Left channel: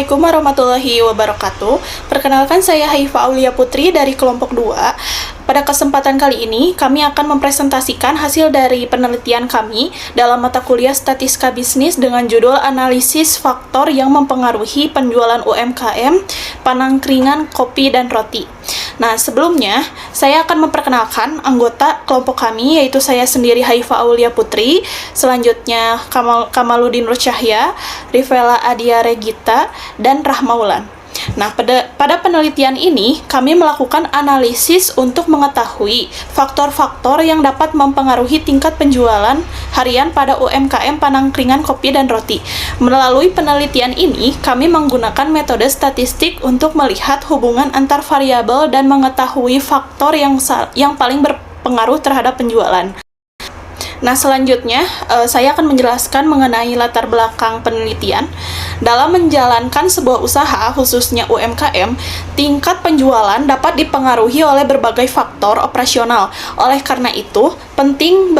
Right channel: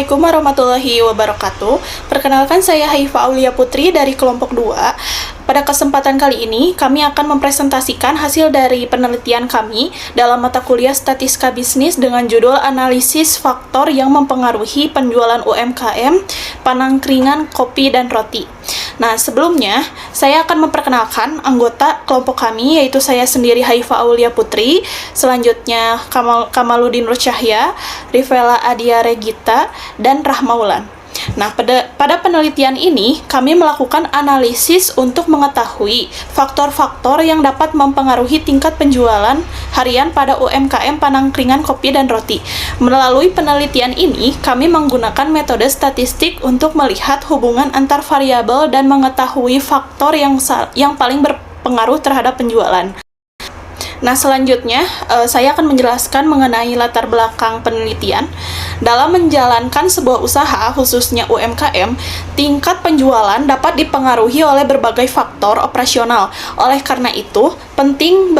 Assalamualaikum warahmatullahi wabarakatuh. Perkenalkan saya Haifa Aulia Putri dari kelompok 2. Pada kesempatan kali ini, kami akan mempresentasikan hasil dari penelitian kami dalam mata kuliah Statistika Bisnis dengan judul Analisis Faktor yang Mempengaruhi Penjualan UMKM, Panangkringan Kopi dan Roti. Nah, sebelumnya, saya akan memperkenalkan anggota kelompok kami, yaitu saya sendiri Haifa Aulia Putri, selanjutnya Kamaluddin Nur Cahya, Rivela Adia Regita, dan Rahmaulan. Nah, pada penelitian ini, kami melakukan analisis untuk mengetahui faktor-faktor yang dapat mempengaruhi tingkat penjualan harian pada UMKM Panangkringan Kopi dan Roti. Melalui penelitian ini, kami menggunakan metode statistik untuk melihat hubungan antar variabel dan mengetahui faktor yang paling berpengaruh terhadap penjualan. Nah, selanjutnya, saya akan menjelaskan mengenai latar belakang penelitian. Dalam menjalankan sebuah usaha, khususnya UMKM, tingkat penjualan dapat dipengaruhi oleh berbagai faktor operasional. Oleh karena itu, penting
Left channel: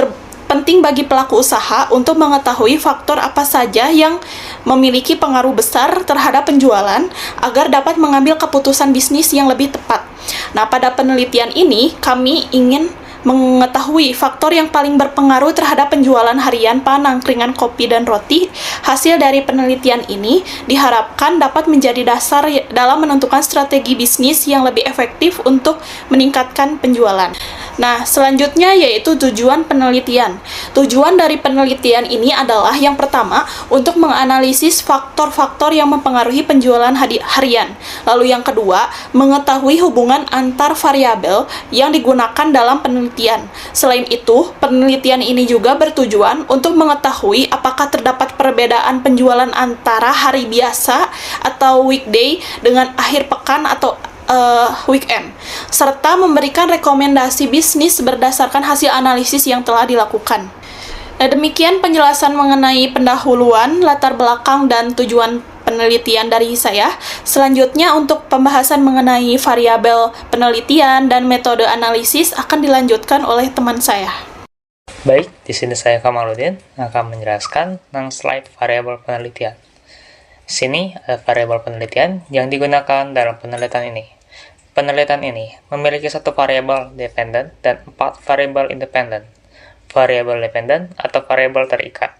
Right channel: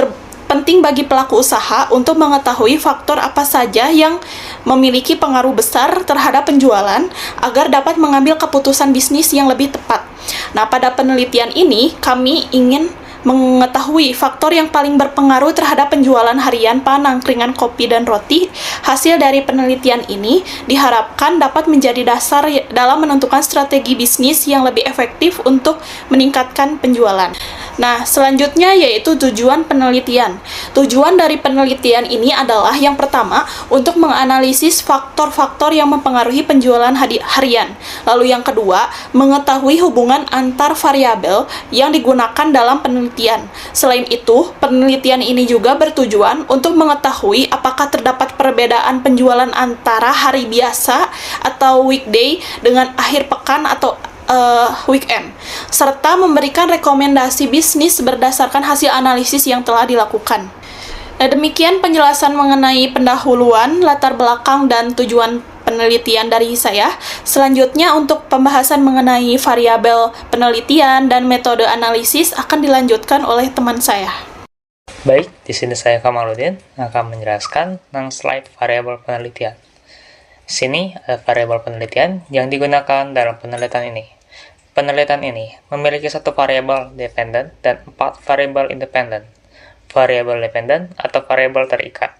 bagi pelaku usaha untuk mengetahui faktor apa saja yang memiliki pengaruh besar terhadap penjualan agar dapat mengambil keputusan bisnis yang lebih tepat. Nah, pada penelitian ini, kami ingin mengetahui faktor yang paling berpengaruh terhadap penjualan harian Panangkringan Kopi dan Roti. Hasil dari penelitian ini diharapkan dapat menjadi dasar dalam menentukan strategi bisnis yang lebih efektif untuk meningkatkan penjualan. Nah, selanjutnya yaitu tujuan penelitian. Tujuan dari penelitian ini adalah yang pertama, untuk menganalisis faktor-faktor yang mempengaruhi penjualan harian. Lalu yang kedua, mengetahui hubungan antar variabel yang digunakan dalam penelitian. Selain itu, penelitian ini juga bertujuan untuk mengetahui apakah terdapat perbedaan penjualan antara hari biasa atau weekday dengan akhir pekan atau weekend, serta memberikan rekomendasi bisnis berdasarkan hasil analisis yang telah dilakukan. Nah, demikian penjelasan mengenai pendahuluan, latar belakang, dan tujuan penelitian dari saya. Selanjutnya, untuk pembahasan mengenai variabel penelitian dan metode analisis akan dilanjutkan oleh teman saya. Baik, di sini saya Kamaluddin akan menjelaskan tentang slide variabel penelitian. Di sini ada variabel penelitian yang digunakan dalam penelitian ini. Penelitian ini memiliki satu variabel dependen dan 4 variabel independen. Variabel dependen atau variabel terikat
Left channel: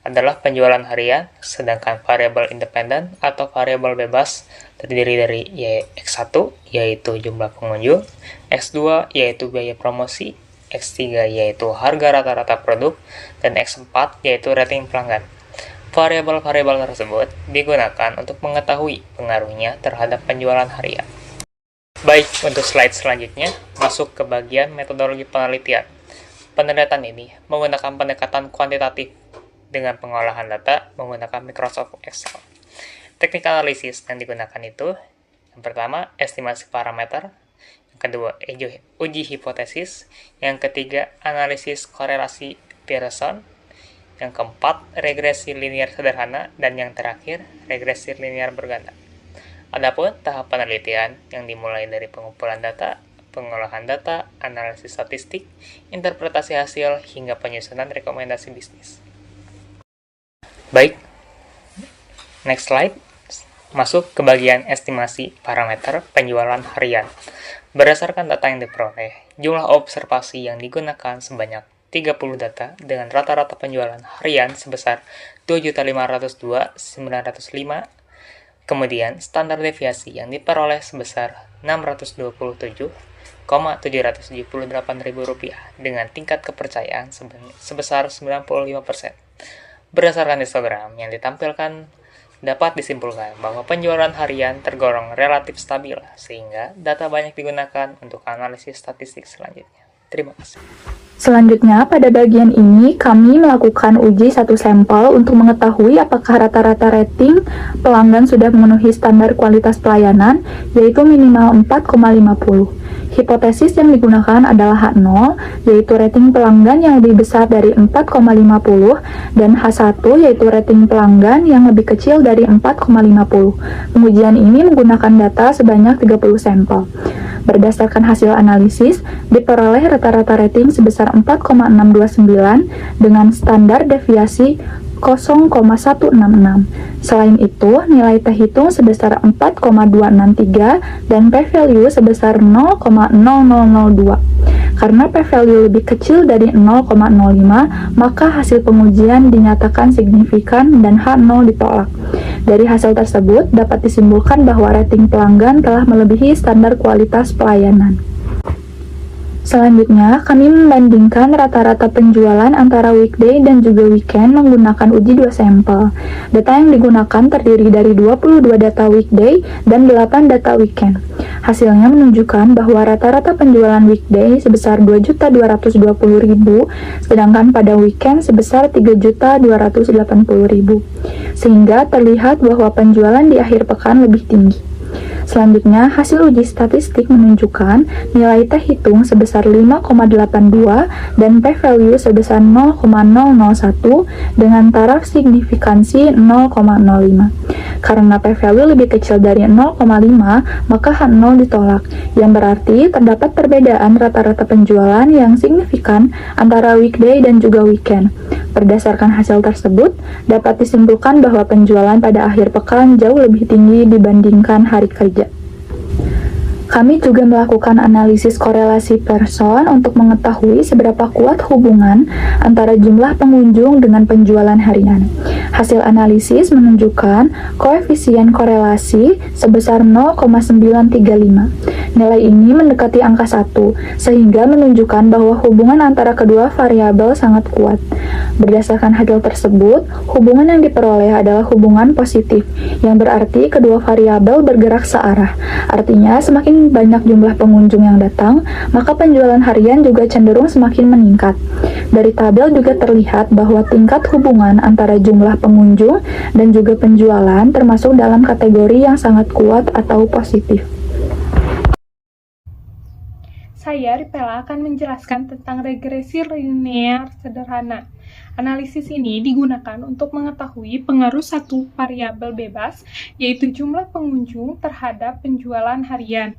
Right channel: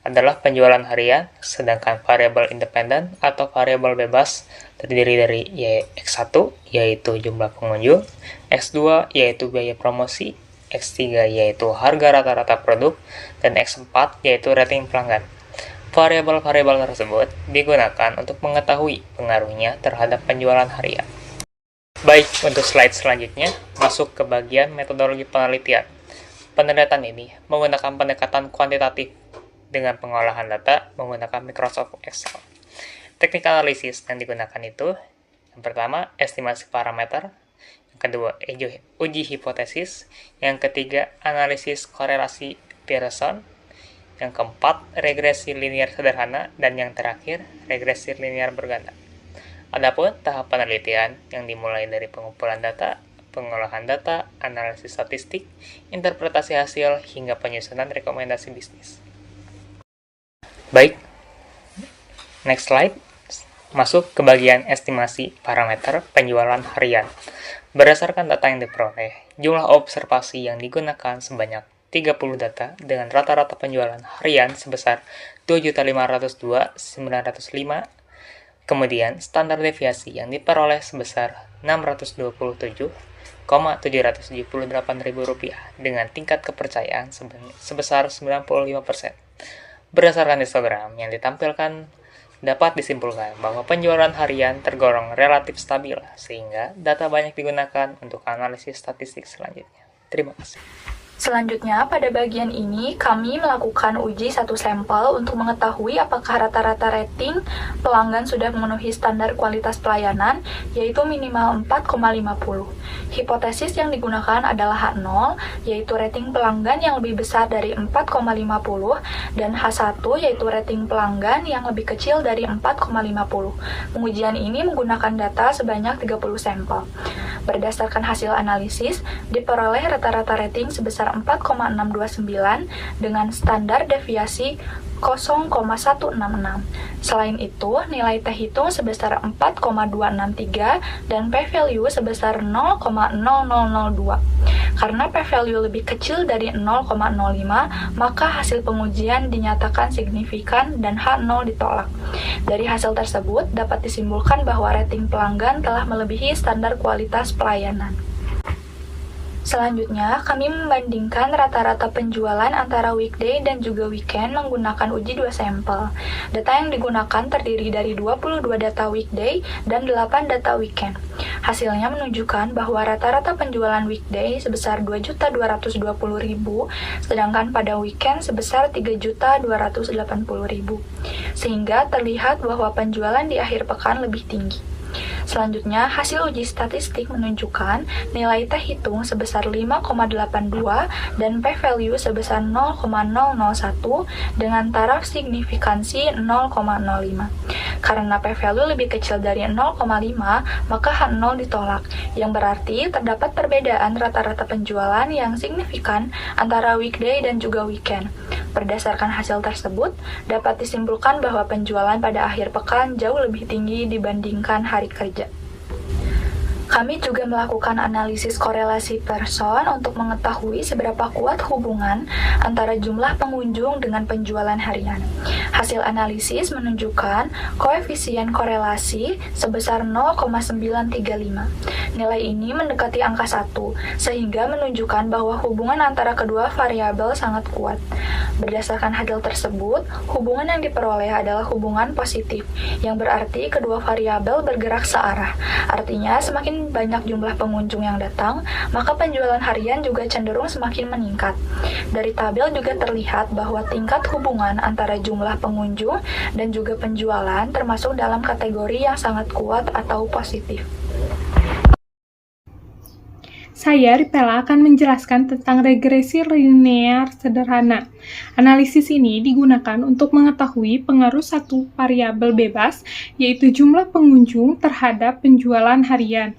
adalah penjualan harian, sedangkan variabel independen atau variabel bebas terdiri dari X1 yaitu jumlah pengunjung, X2 yaitu biaya promosi, X3 yaitu harga rata-rata produk, dan X4 yaitu rating pelanggan. Variabel-variabel tersebut digunakan untuk mengetahui pengaruhnya terhadap penjualan harian. Baik, untuk slide selanjutnya, masuk ke bagian metodologi penelitian. Penelitian ini menggunakan pendekatan kuantitatif dengan pengolahan data menggunakan Microsoft Excel. Teknik analisis yang digunakan itu, yang pertama, estimasi parameter, yang kedua, uji hipotesis, yang ketiga, analisis korelasi Pearson, yang keempat, regresi linear sederhana, dan yang terakhir, regresi linear berganda. Adapun tahap penelitian yang dimulai dari pengumpulan data, pengolahan data, analisis statistik, interpretasi hasil, hingga penyusunan rekomendasi bisnis. Baik, next slide. Masuk ke bagian estimasi parameter penjualan harian. Berdasarkan data yang diperoleh, jumlah observasi yang digunakan sebanyak 30 data dengan rata-rata penjualan harian sebesar 2.502.905. Kemudian, standar deviasi yang diperoleh sebesar Rp627.778.000 dengan tingkat kepercayaan sebesar 95%. Berdasarkan histogram yang ditampilkan, dapat disimpulkan bahwa penjualan harian tergolong relatif stabil, sehingga data banyak digunakan untuk analisis statistik selanjutnya. Terima kasih. Selanjutnya, pada bagian ini, kami melakukan uji satu sampel untuk mengetahui apakah rata-rata rating pelanggan sudah memenuhi standar kualitas pelayanan, yaitu minimal 4,50. Hipotesis yang digunakan adalah H0, yaitu rating pelanggan yang lebih besar dari 4,50, dan H1, yaitu rating pelanggan yang lebih kecil dari 4,50. Pengujian ini menggunakan data sebanyak 30 sampel. Berdasarkan hasil analisis, diperoleh rata-rata rating sebesar 4,629 dengan standar deviasi 0,166. Selain itu, nilai T hitung sebesar 4,263 dan p-value sebesar 0,0002. Karena p-value lebih kecil dari 0,05, maka hasil pengujian dinyatakan signifikan dan H0 ditolak. Dari hasil tersebut, dapat disimpulkan bahwa rating pelanggan telah melebihi standar kualitas pelayanan. Selanjutnya, kami membandingkan rata-rata penjualan antara weekday dan juga weekend menggunakan uji 2 sampel. Data yang digunakan terdiri dari 22 data weekday dan 8 data weekend. Hasilnya menunjukkan bahwa rata-rata penjualan weekday sebesar 2.220.000, sedangkan pada weekend sebesar 3.280.000. Sehingga terlihat bahwa penjualan di akhir pekan lebih tinggi. Selanjutnya, hasil uji statistik menunjukkan nilai T hitung sebesar 5,82 dan p-value sebesar 0,001 dengan taraf signifikansi 0,05. Karena p-value lebih kecil dari 0,5, maka H0 ditolak, yang berarti terdapat perbedaan rata-rata penjualan yang signifikan antara weekday dan juga weekend. Berdasarkan hasil tersebut, dapat disimpulkan bahwa penjualan pada akhir pekan jauh lebih tinggi dibandingkan hari kerja. Kami juga melakukan analisis korelasi person untuk mengetahui seberapa kuat hubungan antara jumlah pengunjung dengan penjualan harian. Hasil analisis menunjukkan koefisien korelasi sebesar 0,935. Nilai ini mendekati angka 1, sehingga menunjukkan bahwa hubungan antara kedua variabel sangat kuat. Berdasarkan hasil tersebut, hubungan yang diperoleh adalah hubungan positif, yang berarti kedua variabel bergerak searah. Artinya, semakin banyak jumlah pengunjung yang datang, maka penjualan harian juga cenderung semakin meningkat. Dari tabel juga terlihat bahwa tingkat hubungan antara jumlah pengunjung dan juga penjualan termasuk dalam kategori yang sangat kuat atau positif. Saya, Ripela, akan menjelaskan tentang regresi linear sederhana. Analisis ini digunakan untuk mengetahui pengaruh satu variabel bebas, yaitu jumlah pengunjung terhadap penjualan harian.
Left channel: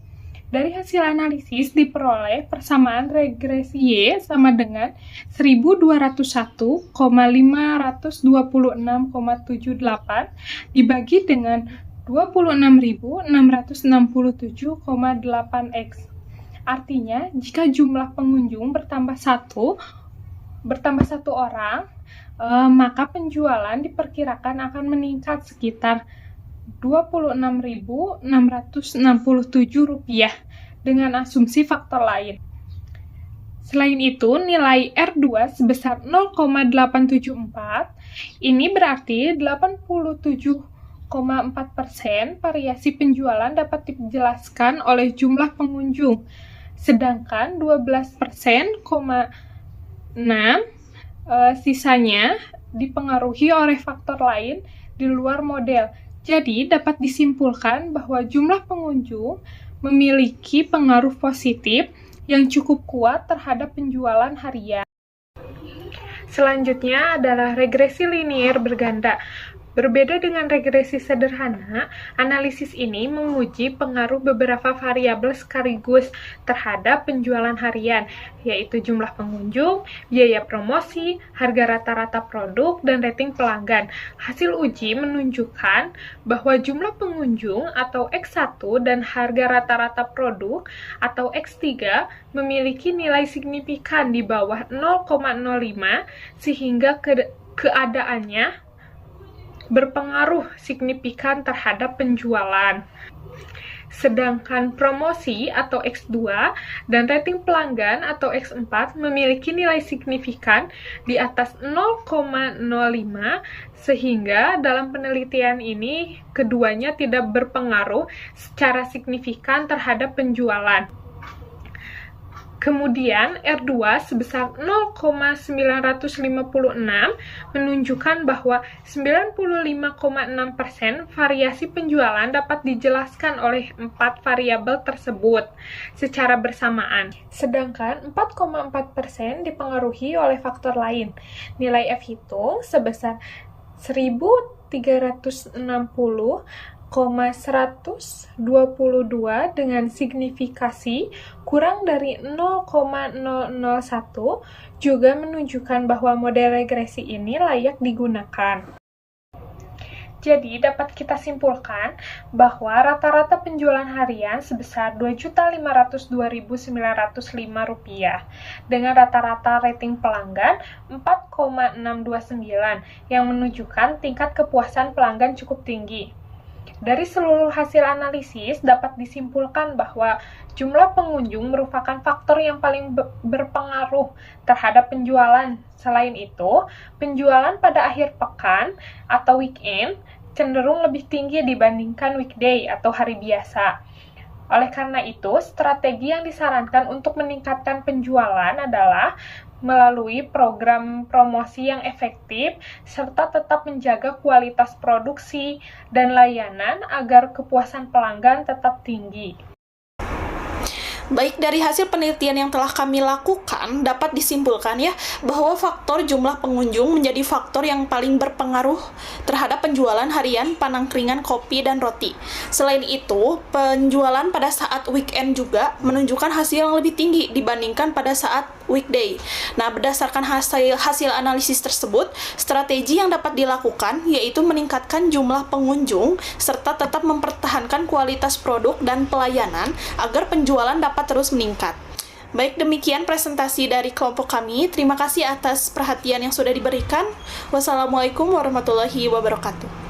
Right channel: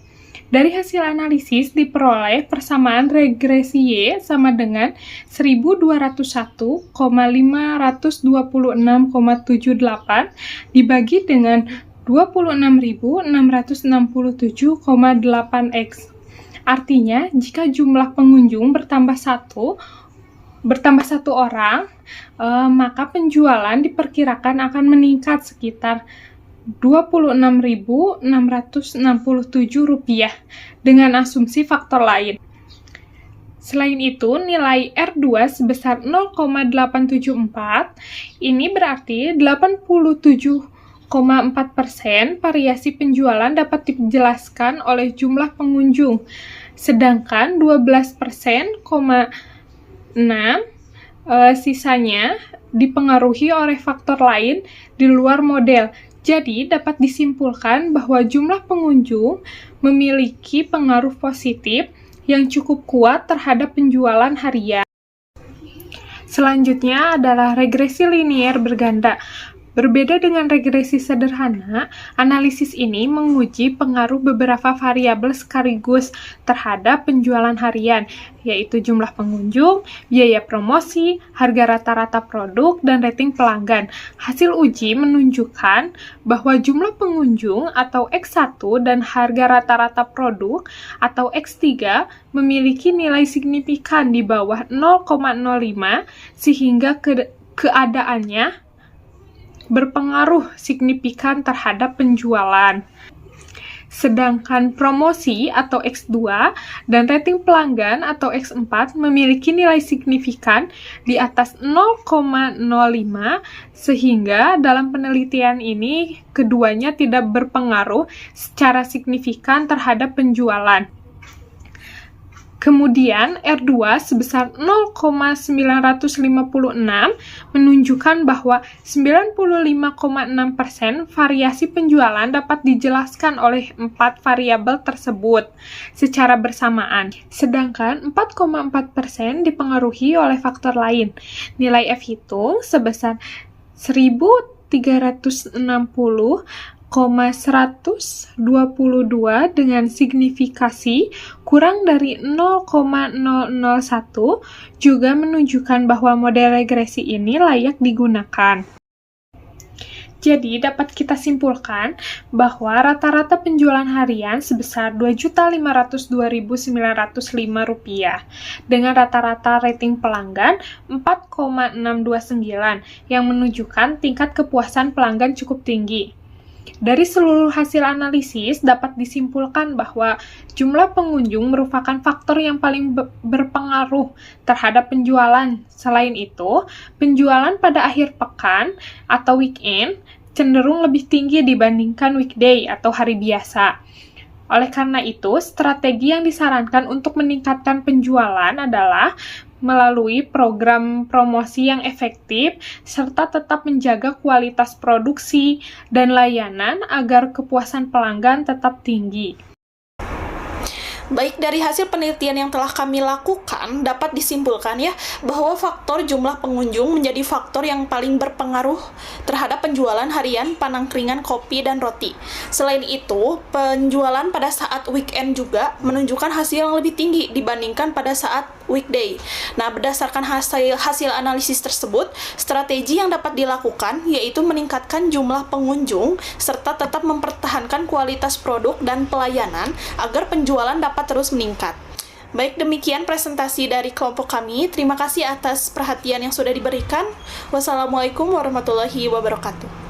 Dari hasil analisis diperoleh persamaan regresi Y sama dengan 1201,526,78 dibagi dengan 26.667,8X. Artinya, jika jumlah pengunjung bertambah satu orang, maka penjualan diperkirakan akan meningkat sekitar Rp26.667 dengan asumsi faktor lain. Selain itu, nilai R2 sebesar 0,874, ini berarti 87,4% variasi penjualan dapat dijelaskan oleh jumlah pengunjung, sedangkan 12,6% sisanya dipengaruhi oleh faktor lain di luar model. Jadi, dapat disimpulkan bahwa jumlah pengunjung memiliki pengaruh positif yang cukup kuat terhadap penjualan harian. Selanjutnya adalah regresi linear berganda. Berbeda dengan regresi sederhana, analisis ini menguji pengaruh beberapa variabel sekaligus terhadap penjualan harian, yaitu jumlah pengunjung, biaya promosi, harga rata-rata produk, dan rating pelanggan. Hasil uji menunjukkan bahwa jumlah pengunjung atau X1 dan harga rata-rata produk atau X3 memiliki nilai signifikan di bawah 0,05 sehingga keadaannya berpengaruh signifikan terhadap penjualan. Sedangkan promosi atau X2 dan rating pelanggan atau X4 memiliki nilai signifikan di atas 0,05 sehingga dalam penelitian ini keduanya tidak berpengaruh secara signifikan terhadap penjualan. Kemudian R2 sebesar 0,956 menunjukkan bahwa 95,6% variasi penjualan dapat dijelaskan oleh 4 variabel tersebut secara bersamaan, sedangkan 4,4% dipengaruhi oleh faktor lain. Nilai F hitung sebesar 1.360 dengan signifikasi kurang dari 0,001 juga menunjukkan bahwa model regresi ini layak digunakan. Jadi, dapat kita simpulkan bahwa rata-rata penjualan harian sebesar Rp2.502.905 dengan rata-rata rating pelanggan 4,629 yang menunjukkan tingkat kepuasan pelanggan cukup tinggi. Dari seluruh hasil analisis dapat disimpulkan bahwa jumlah pengunjung merupakan faktor yang paling berpengaruh terhadap penjualan. Selain itu, penjualan pada akhir pekan atau weekend cenderung lebih tinggi dibandingkan weekday atau hari biasa. Oleh karena itu, strategi yang disarankan untuk meningkatkan penjualan adalah melalui program promosi yang efektif, serta tetap menjaga kualitas produksi dan layanan agar kepuasan pelanggan tetap tinggi. Baik, dari hasil penelitian yang telah kami lakukan, dapat disimpulkan ya, bahwa faktor jumlah pengunjung menjadi faktor yang paling berpengaruh terhadap penjualan harian panangkringan kopi dan roti. Selain itu, penjualan pada saat weekend juga menunjukkan hasil yang lebih tinggi dibandingkan pada saat weekday. Nah, berdasarkan hasil analisis tersebut, strategi yang dapat dilakukan yaitu meningkatkan jumlah pengunjung serta tetap mempertahankan kualitas produk dan pelayanan agar penjualan dapat terus meningkat. Baik, demikian presentasi dari kelompok kami. Terima kasih atas perhatian yang sudah diberikan. Wassalamualaikum warahmatullahi wabarakatuh.